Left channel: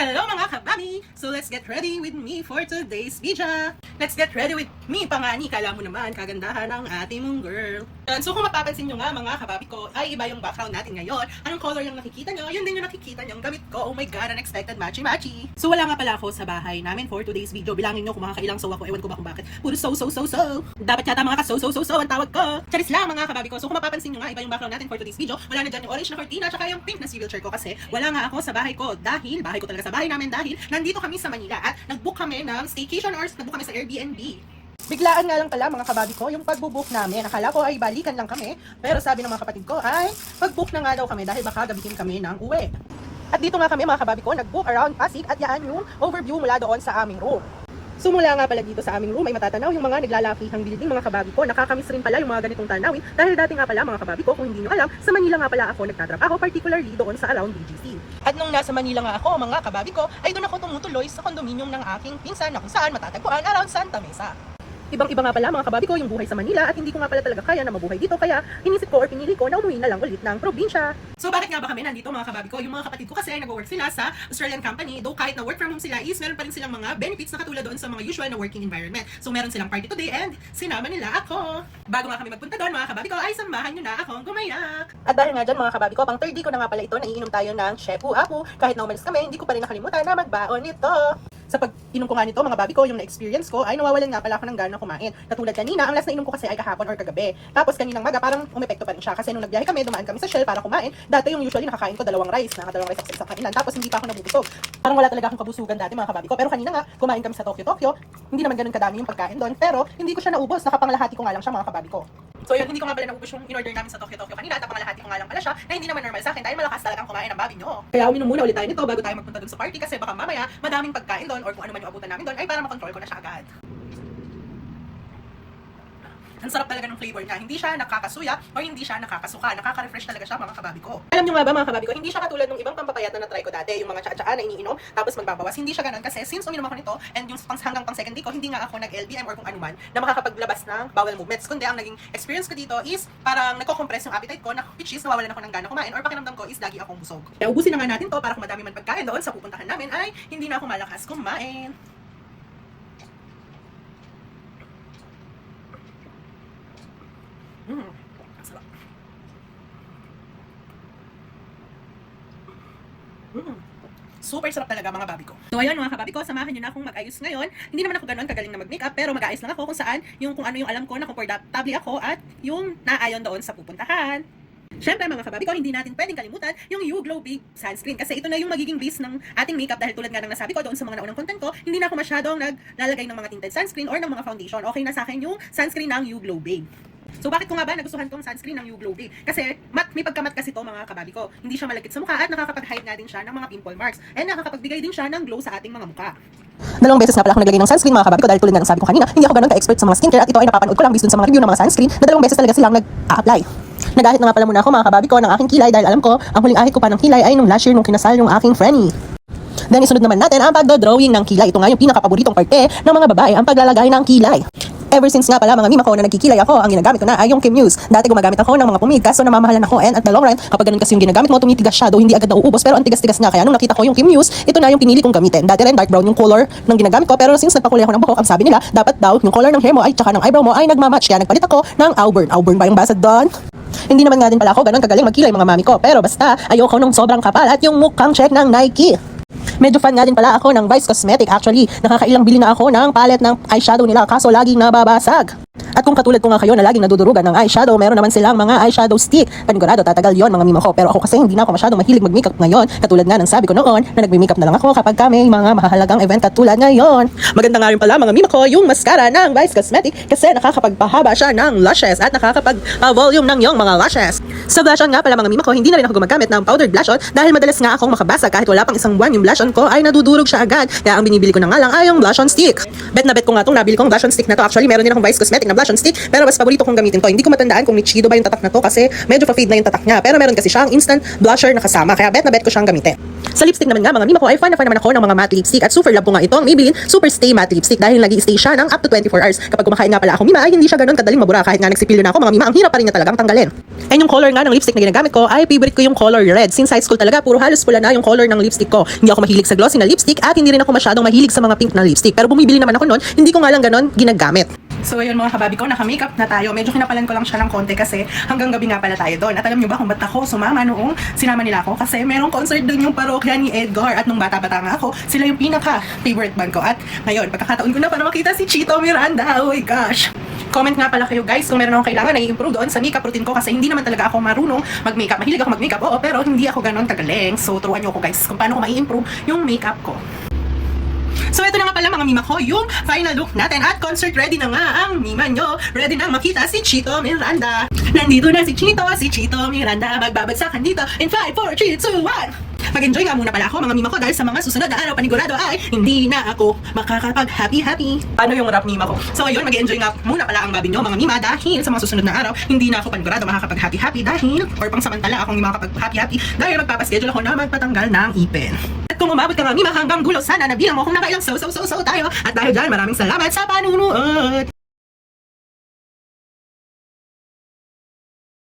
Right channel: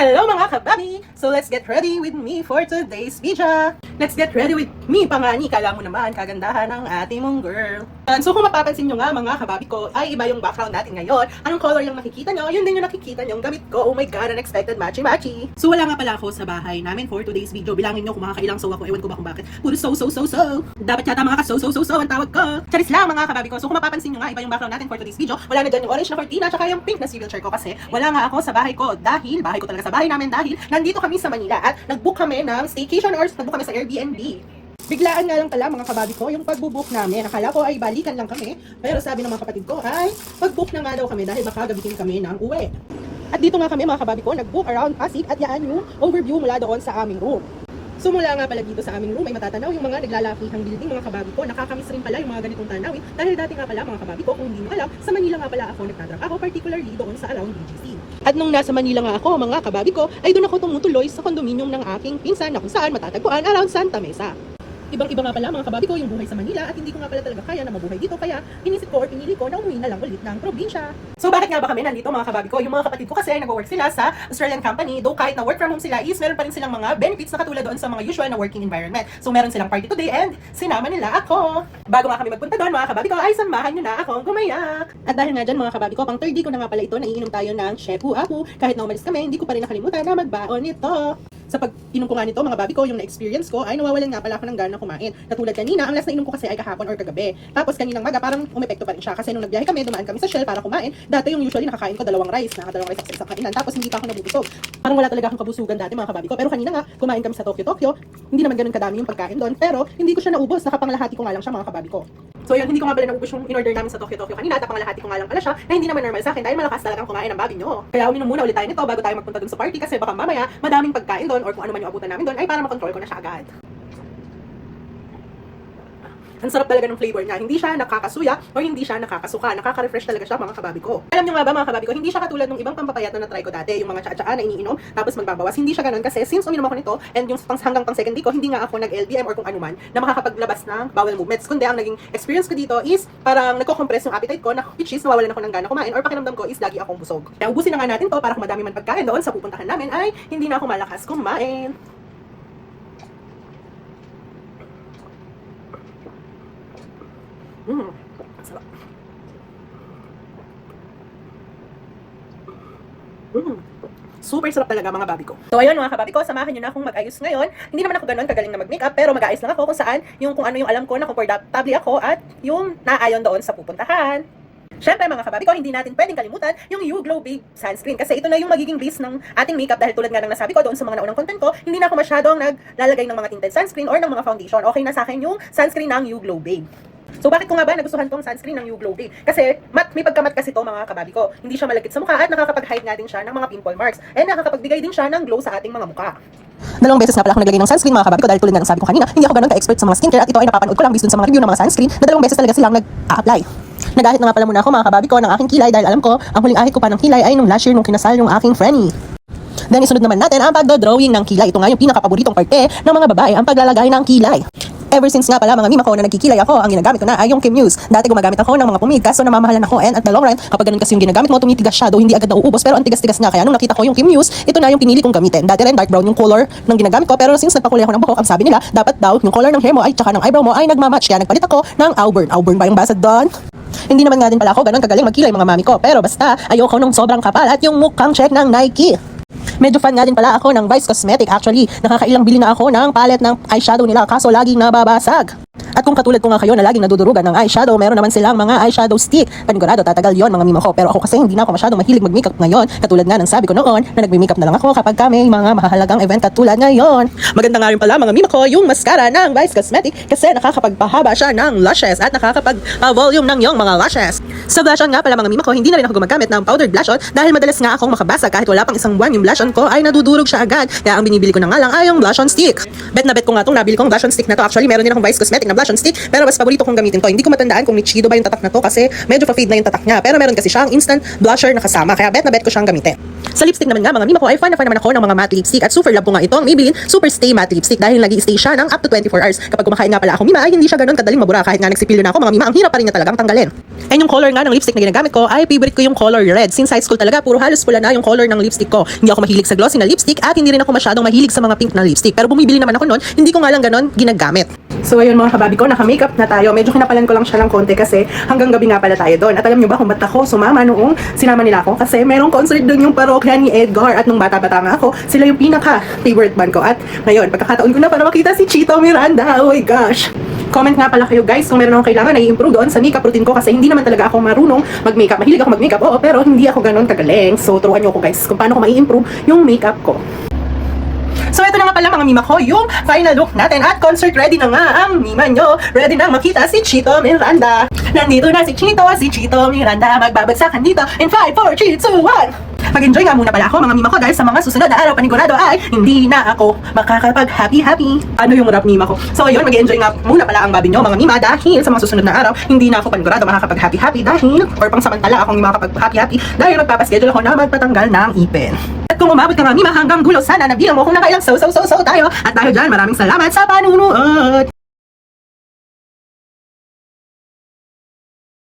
Hello mga kababi! So let's get ready with me for today's video. Let's get ready with me, pangani. Kala mo naman, kagandahan ng ating mong girl. So kung mapapansin nyo nga mga kababi ko, ay iba yung background natin ngayon. Anong color yung nakikita nyo? Yun din yung nakikita nyo yung gamit ko. Oh my god, unexpected matchy-matchy. So wala nga pala ako sa bahay namin for today's video. Bilangin nyo kung makakailang so ako. Ewan ko ba kung bakit. Puro so. Dapat yata mga ka-so ang tawag ko. Charis lang mga kababi ko. So kung mapapansin nyo nga, iba yung background natin for today's video. Wala na dyan yung orange na cortina, tsaka yung pink na civil chair ko kasi wala nga ako sa bahay ko. Dahil, bahay ko talaga sa bahay namin dahil nandito kami sa Manila at nag-book kami ng staycation or nag-book kami sa Airbnb. Biglaan nga lang pala mga kababi ko yung pag-book namin. Akala ko ay balikan lang kami, pero sabi ng mga kapatid ko ay pag-book na nga daw kami dahil baka gabihin kami ng uwi. At dito nga kami mga kababi ko, nag-book around Pasig at yan yung overview mula doon sa aming room. Sumula nga pala dito sa aming room ay matatanaw yung mga naglalakihang building mga kababi ko. Nakakamiss rin pala yung mga ganitong tanawin dahil dati nga pala mga kababi ko, kung hindi nyo alam, sa Manila nga pala ako nagtatrabaho, particularly doon sa around BGC. At nung nasa Manila nga ako mga kababi ko, ay doon ako tumutuloy sa kondominium ng aking pinsan na kung saan matatagpuan around Santa Mesa. Ibang-iba nga pala mga kababi ko yung buhay sa Manila at hindi ko nga pala talaga kaya na mabuhay dito kaya inisip ko or pinili ko na umuwi na lang ulit ng probinsya. So bakit nga ba kami nandito mga kababi ko? Yung mga kapatid ko kasi ay nag-work sila sa Australian company, though kahit na work from home sila is meron pa rin silang mga benefits na katulad doon sa mga usual na working environment. So meron silang party today and sinama nila ako. Bago nga kami magpunta doon mga kababi ko ay samahan nyo na akong gumayak. At dahil nga dyan mga kababi ko, pang third day ko na nga pala ito, naiinom tayo ng Shehu Ahu. Kahit na umalis kami, hindi ko pa rin nakalimutan na magbaon nito. Sa pag-inom ko nga nito mga babi ko, yung na-experience ko ay nawawalan nga pala ako ng gana kumain. Katulad kanina, ang last na inom ko kasi ay kahapon or kagabi. Tapos kaninang maga parang umepekto pa rin siya kasi nung nagbiyahe kami, dumaan kami sa Shell para kumain. Dati yung usually nakakain ko dalawang rice sa isang kainan. Tapos hindi pa ako nabubusog. Parang wala talaga akong kabusugan dati mga kababi ko. Pero kanina nga, kumain kami sa Tokyo. Hindi naman ganun kadami yung pagkain doon, pero hindi ko siya naubos. Nakapanglahati ko nga lang siya mga kababi ko. So yun, hindi ko nga pala naubos yung in-order namin sa Tokyo kanina. At panglahati ko nga lang pala siya na hindi naman normal sa akin dahil malakas talagang kumain ang babi nyo. Kaya uminom muna ulit tayo nito bago tayo magpunta dun sa party kasi baka mamaya madaming pagkain doon or kung ano man yung abutan namin doon ay para makontrol ko na siya agad. Ang sarap talaga ng flavor niya. Hindi siya nakakasuya or hindi siya nakakasuka. Nakaka-refresh talaga siya mga kababi ko. Alam niyo nga ba mga kababi ko, hindi siya katulad ng ibang pampapayat na try ko dati. Yung mga tsa-tsa na iniinom, tapos magbabawas. Hindi siya ganun kasi since uminom ako nito and yung hanggang pang second day ko, hindi nga ako nag-LBM or kung ano man na makakapaglabas ng bowel movements. Kundi ang naging experience ko dito is parang nagko-compress yung appetite ko na which is nawawalan ako ng gana kumain or pakiramdam ko is lagi akong busog. Kaya ubusin na nga natin to para kung madami man pagkain doon sa pupuntahan namin ay hindi na ako malakas kumain. Super sarap talaga mga babi ko. So ayun mga kababi ko, samahan nyo na akong mag-ayos ngayon. Hindi naman ako ganun kagaling na mag-makeup, pero mag-ayos lang ako kung saan, kung ano yung alam ko na komportable ako at yung naayon doon sa pupuntahan. Syempre mga kababi ko, hindi natin pwedeng kalimutan yung You Glow Babe Sunscreen kasi ito na yung magiging base ng ating makeup dahil tulad nga ng nasabi ko doon sa mga naunang content ko, hindi na ako masyadong naglalagay ng mga tinted sunscreen or ng mga foundation. Okay na sa akin yung sunscreen ng You Glow Babe. So bakit ko nga ba nagustuhan tong sunscreen ng You Glow Babe? Kasi may pagkamat kasi to mga kababi ko. Hindi siya malagkit sa mukha at nakakapag-hide nga din siya ng mga pimple marks. And nakakapagbigay din siya ng glow sa ating mga mukha. Dalawang beses na pala ako naglagay ng sunscreen mga kababi ko dahil tulad nga ng sabi ko kanina, hindi ako ganun ka-expert sa mga skincare at ito ay napapanood ko lang based dun sa mga review ng mga sunscreen na dalawang beses talaga silang nag-a-apply. Nagahit na nga pala muna ako mga kababi ko ng aking kilay dahil alam ko ang huling ahit ko pa ng kilay ay nung last year nung kinasal yung aking Frenny. Then isunod naman natin ang pagdo-drawing ng kilay. Ito nga yung pinaka-paboritong parte ng mga babae, ang paglalagay ng kilay. Ever since nga pala mga mima ko na nagkikilay ako, ang ginagamit ko na ay yung Kim Muse. Dati gumagamit ako ng mga pumig kaso namamahalan ako and at the long run, kapag ganun kasi yung ginagamit mo, tumitigas siya, hindi agad nauubos pero ang tigas-tigas nga. Kaya nung nakita ko yung Kim Muse, ito na yung pinili kong gamitin. Dati rin dark brown yung color ng ginagamit ko pero since nagpakulay ako ng buhok, ang sabi nila, dapat daw yung color ng hair mo ay tsaka ng eyebrow mo ay nagmamatch. Kaya nagpalit ako ng Auburn. Auburn ba yung basa doon? Hindi naman nga din pala ako ganun kagaling magkilay mga mami ko pero basta ayoko nung sobrang kapal at yung mukhang check ng Nike. Medyo fan nga din pala ako ng Vice Cosmetic. Actually, nakakailang bili na ako ng palette ng eyeshadow nila kaso laging nababasag. At kung katulad ko nga kayo na laging nadudurugan ng eyeshadow, meron naman silang mga eyeshadow stick. Panigurado, tatagal yon mga mimo ko. Pero ako kasi hindi na ako masyadong mahilig mag-makeup ngayon. Katulad nga ng sabi ko noon na nagme-makeup na lang ako kapag may mga mahahalagang event katulad ngayon. Maganda nga rin pala mga mimo ko yung mascara ng Vice Cosmetic kasi nakakapagpahaba siya ng lashes at nakakapag-volume ng yung mga lashes. Sa blush on nga pala mga mimo ko, hindi na rin ako gumagamit ng powdered blush on dahil madalas nga akong makabasag kahit wala pang isang buwan yung blush on ko ay nadudurog siya agad. Kaya ang binibili ko na nga lang ay yung blush on stick. Bet na bet ko nga itong nabili kong blush on stick na to. Actually, meron din akong Vice Cosmetic na blush on stick pero mas paborito kong gamitin to. Hindi ko matandaan kung Nichido ba yung tatak na to kasi medyo pa-fade na yung tatak niya. Pero meron kasi siyang instant blusher na kasama. Kaya bet na bet ko siyang gamitin. Sa lipstick naman nga mga mima ko ay fan na fan naman ako ng mga matte lipstick at super love ko nga ito ang Maybelline Super Stay Matte Lipstick dahil nag-i-stay siya ng up to 24 hours. Kapag kumakain nga pala ako mima ay hindi siya ganun kadaling mabura kahit nga nagsipilyo na ako mga mima ang hirap pa rin niya talagang tanggalin. And yung color nga nga ng lipstick na ginagamit ko ay favorite ko yung color red. Since high school talaga, puro halos pula na yung color ng lipstick ko. Hindi ako mahilig sa glossy na lipstick at hindi rin ako masyadong mahilig sa mga pink na lipstick. Pero bumibili naman ako noon, hindi ko nga lang ganon ginagamit. So ayun mga kababi ko, naka-makeup na tayo. Medyo kinapalan ko lang siya ng konti kasi hanggang gabi nga pala tayo doon. At alam niyo ba kung ba't ako sumama noong sinama nila ako? Kasi merong concert doon yung parokya ni Edgar. At nung bata-bata nga ako, sila yung pinaka-favorite band ko. At ngayon, pagkakataon ko na para makita si Chito Miranda. Oh my gosh! Comment nga pala kayo guys kung meron akong kailangan na i-improve doon sa makeup routine ko kasi hindi naman talaga ako marunong mag-makeup. Mahilig ako mag-makeup, oo, pero hindi ako ganon kagaling. So turuan niyo ako guys kung paano ko mai-improve yung makeup ko. So ito na nga pala mga mima ko, yung final look natin at concert ready na nga ang mima nyo. Ready na makita si Chito Miranda. Nandito na si Chito Miranda. Magbabagsakan dito in 5, 4, 3, 2, 1. Mag-enjoy nga muna pala ako mga mima ko dahil sa mga susunod na araw panigurado ay hindi na ako makakapag-happy-happy. Ano yung rap mima ko? So ayun, mag-enjoy nga muna pala ang babi nyo mga mima dahil sa mga susunod na araw hindi na ako panigurado makakapag-happy-happy dahil or pang samantala akong makakapag-happy-happy dahil magpapaschedule ako na magpatanggal ng ipin. At kung umabot ka nga mima hanggang dulo, sana nabilang mo kung nakailang so tayo. At dahil dyan, maraming salamat sa panunood.